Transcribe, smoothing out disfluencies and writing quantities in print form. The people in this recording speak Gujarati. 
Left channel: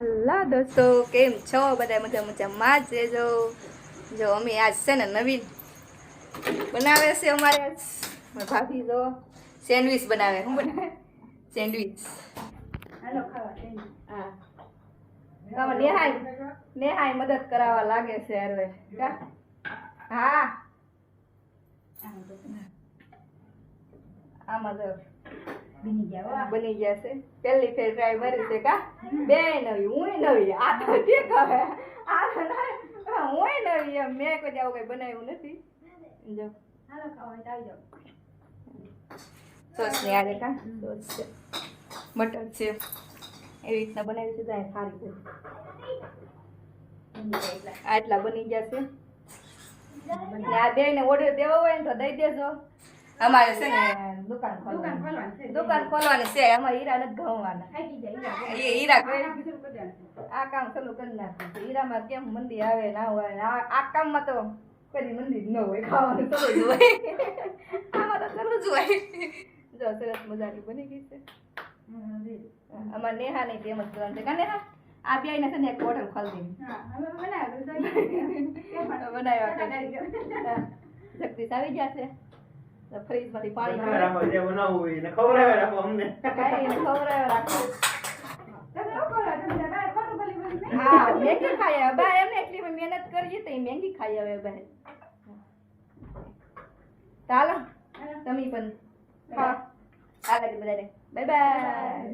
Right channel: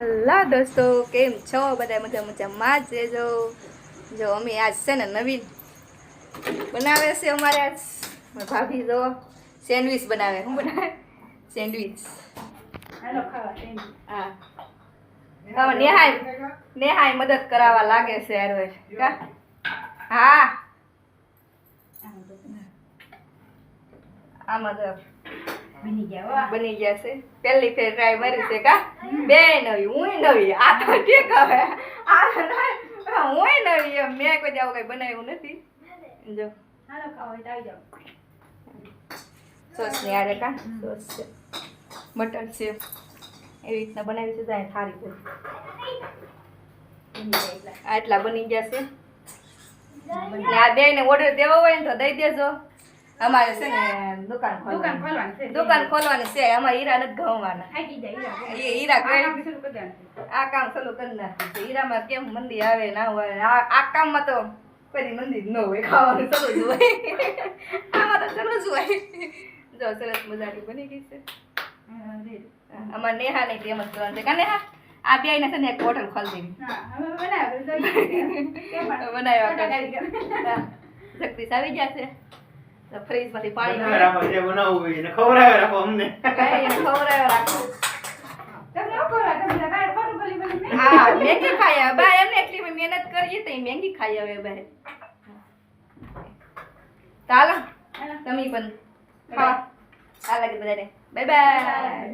હેલો દોસ્તો, કેમ છો બધા? મજામાં જ રહેજો. જો અમે આજ છે ને નવીન બનાવે છે અમારે આજ ભાભી જો સેન્ડવિચ બનાવે. શું બનાવે? સેન્ડવિચ. હાલો ખાવા સેન્ડવિચ. હા નેહાય મદદ કરાવવા લાગે છે યાર. હા આમાં તો બની ગયા છે. પહેલી ફેર ટ્રાય મારી છે કા બે નવી હું નવી આ તો ઠીક હવે આ હું નવી એમ મેં કોઈ આવું કઈ બનાવ્યું નથી. જો હાલો ખાવા હોય તો આવી જાઓ. સોસ ની આડે કા સોસ છે, બટર છે, એવી રીતના બનાવી છે. જાય સારી છે. આટલા બની ગયા છે. આ બે ને ઓર્ડર દેવો હોય ને તો દઈ દેજો. અમારે છે ને દુકાન ખોલવાની છે. અમારે હીરા નથી ઘઉંવાના. હીરા આ કામ ચાલુ કરી નાખ્યું છે. હીરામાં કેમ મંદી આવે ના હોય. આ કામમાં તો કોઈ મંદી ન હોય. ખાવાનું ચાલુ જ હોય. આમાં તો ચાલુ જ હોય. જો સરસ મજાની બની ગઈ છે. અમારે નેહા નહીં તેમ જ કરવાનું છે. કા નેહા આ બે ને છે ને એક હોટલ ખોલી બનાવ્યા જગદીશ આવી ગયા છે. ફ્રીજ માંથી પાણી હા મેગી ખાઈ આવે બા. એમને એટલી મહેનત કરીએ તો મેગી ખાઈ આવે બહાર. ચાલો તમે પણ ખાવા. આ લાગે બધાને. Bye bye.